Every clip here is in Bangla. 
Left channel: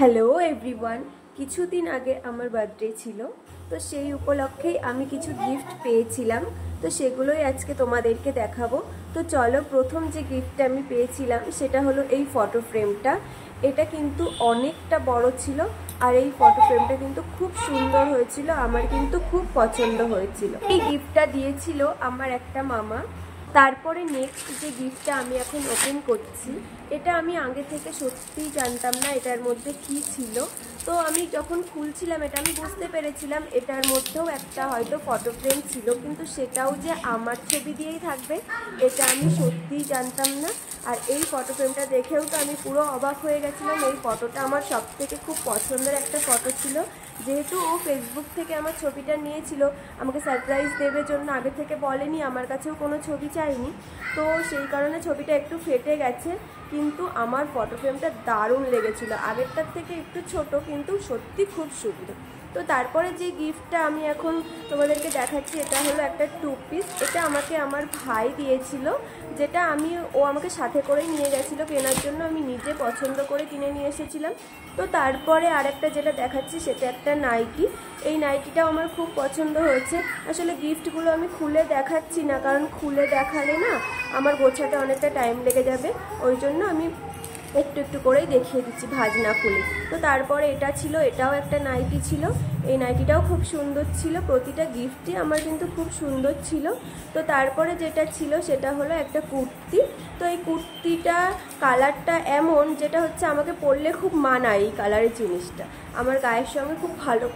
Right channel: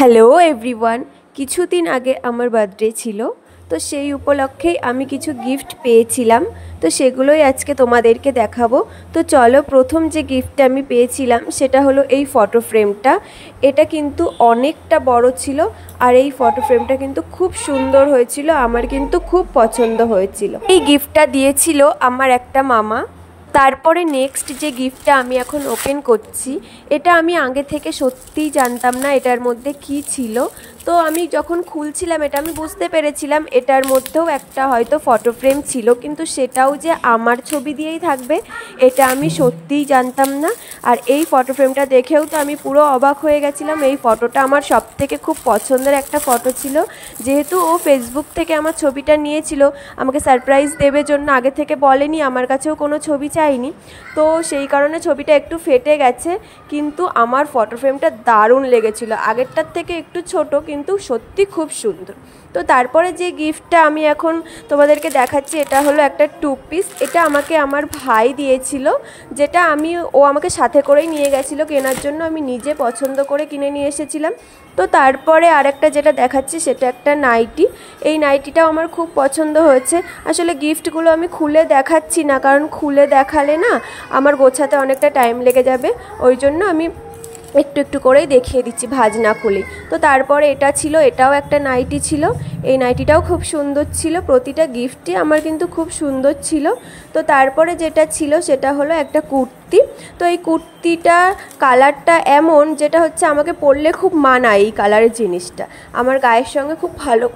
হ্যালো এভরিওয়ান, কিছুদিন আগে আমার বার্থডে ছিল, তো সেই উপলক্ষেই আমি কিছু গিফট পেয়েছিলাম। তো সেগুলোই আজকে তোমাদেরকে দেখাবো। তো চলো, প্রথম যে গিফটটা আমি পেয়েছিলাম সেটা হলো এই ফটো ফ্রেমটা। এটা কিন্তু অনেকটা বড় ছিল, আর এই ফটো ফ্রেমটা কিন্তু খুব সুন্দর হয়েছিল, আমার কিন্তু খুব পছন্দ হয়েছিল। এই গিফটটা দিয়েছিল আমার একটা মামা। তারপরে নেক্সট যে গিফটটা আমি এখন ওপেন করছি, এটা আমি আগে থেকে সত্যিই জানতাম না এটার মধ্যে কি ছিল। তো আমি যখন খুলছিলাম এটা আমি বুঝতে পেরেছিলাম এটার মধ্যেও একটা হয়তো ফটো ফ্রেম ছিল, কিন্তু সেটাও যে আমার ছবি দিয়েই থাকবে এটা আমি সত্যিই জানতাম না। আর এই ফটো ফ্রেমটা দেখেও তো আমি পুরো অবাক হয়ে গেছিলাম। এই ফটোটা আমার সবথেকে খুব পছন্দের একটা ফটো ছিল, যেহেতু ও ফেসবুক থেকে আমার ছবিটা নিয়েছিল, আমাকে সারপ্রাইজ দেবে জন্য আগে থেকে বলেনি, আমার কাছেও কোনো ছবি চাইনি। তো সেই কারণে ছবিটা একটু ফেটে গেছে, কিন্তু আমার ফটো ফ্রেমটা দারুণ লেগেছিল। আগেরটার থেকে একটু ছোট, কিন্তু সত্যি খুব সুন্দর। তো তারপরে যে গিফটটা আমি এখন তোমাদেরকে দেখাচ্ছি, এটা হলো একটা 2 পিস। এটা আমাকে আমার ভাই দিয়েছিল, যেটা ও আমাকে সাথে করেই নিয়ে গেছিলো কেনার জন্য, আমি নিজে পছন্দ করে কিনে নিয়ে এসেছিলাম। তো তারপরে আরেকটা যেটা দেখাচ্ছি সেটা একটা নাইটি। এই নাইটিটাও আমার খুব পছন্দ হয়েছে। আসলে গিফটগুলো আমি খুলে দেখাচ্ছি না, কারণ খুলে দেখালে না আমার গোছাতে অনেকটা টাইম লেগে যাবে, ওই জন্য আমি একটু একটু করেই দেখিয়ে দিচ্ছি ভাঁজ না খুলে। তো তারপরে এটা ছিল, এটাও একটা নাইটি ছিল। এই নাইটিটাও খুব সুন্দর ছিল, প্রতিটা গিফটই আমার কিন্তু খুব সুন্দর ছিল। তো তারপরে যেটা ছিল সেটা হলো একটা কুর্তি। তো এই কুর্তিটা কালারটা এমন, যেটা হচ্ছে আমাকে পরলে খুব মানায়, এই কালারের জিনিসটা আমার গায়ের সঙ্গে খুব ভালো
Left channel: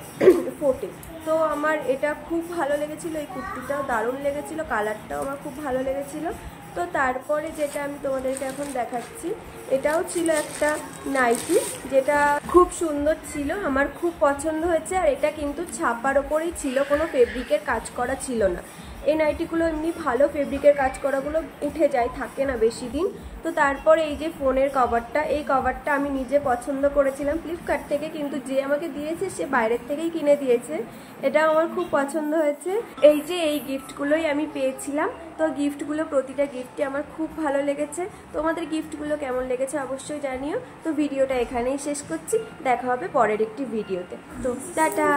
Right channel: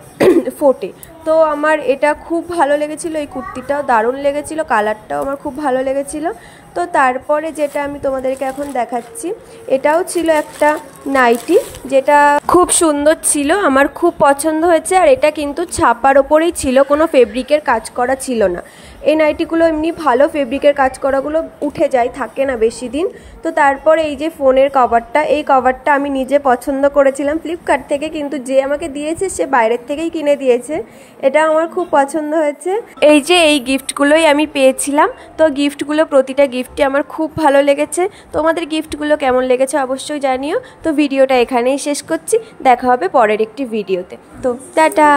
ফোটে। তো আমার এটা খুব ভালো লেগেছিলো, এই কুর্তিটাও দারুণ লেগেছিলো, কালারটাও আমার খুব ভালো লেগেছিলো। তো তারপরে যেটা আমি তোমাদেরকে এখন দেখাচ্ছি, এটাও ছিল একটা নাইটি, যেটা খুব সুন্দর ছিল, আমার খুব পছন্দ হয়েছে। আর এটা কিন্তু ছাপার ওপরেই ছিল, কোনো ফেব্রিকের কাজ করা ছিল না। এই নাইটিগুলো এমনি ভালো, ফেব্রিকের কাজ করাগুলো উঠে যায়, থাকে না বেশি দিন। তো তারপরে এই যে ফোনের কভারটা, এই কভারটা আমি নিজে পছন্দ করেছিলাম ফ্লিপকার্ট থেকে, কিন্তু যে আমাকে দিয়েছে সে বাইরের থেকেই কিনে দিয়েছে। এটা আমার খুব পছন্দ হয়েছে। এই যে এই গিফটগুলোই আমি পেয়েছিলাম। তো গিফটগুলো, প্রতিটা গিফটই আমার খুব ভালো লেগেছে। তোমাদের গিফটগুলো কেমন লেগেছে অবশ্যই জানিও। তো ভিডিওটা এখানেই শেষ করছি, দেখা হবে পরের একটি ভিডিওতে। তো টাটা।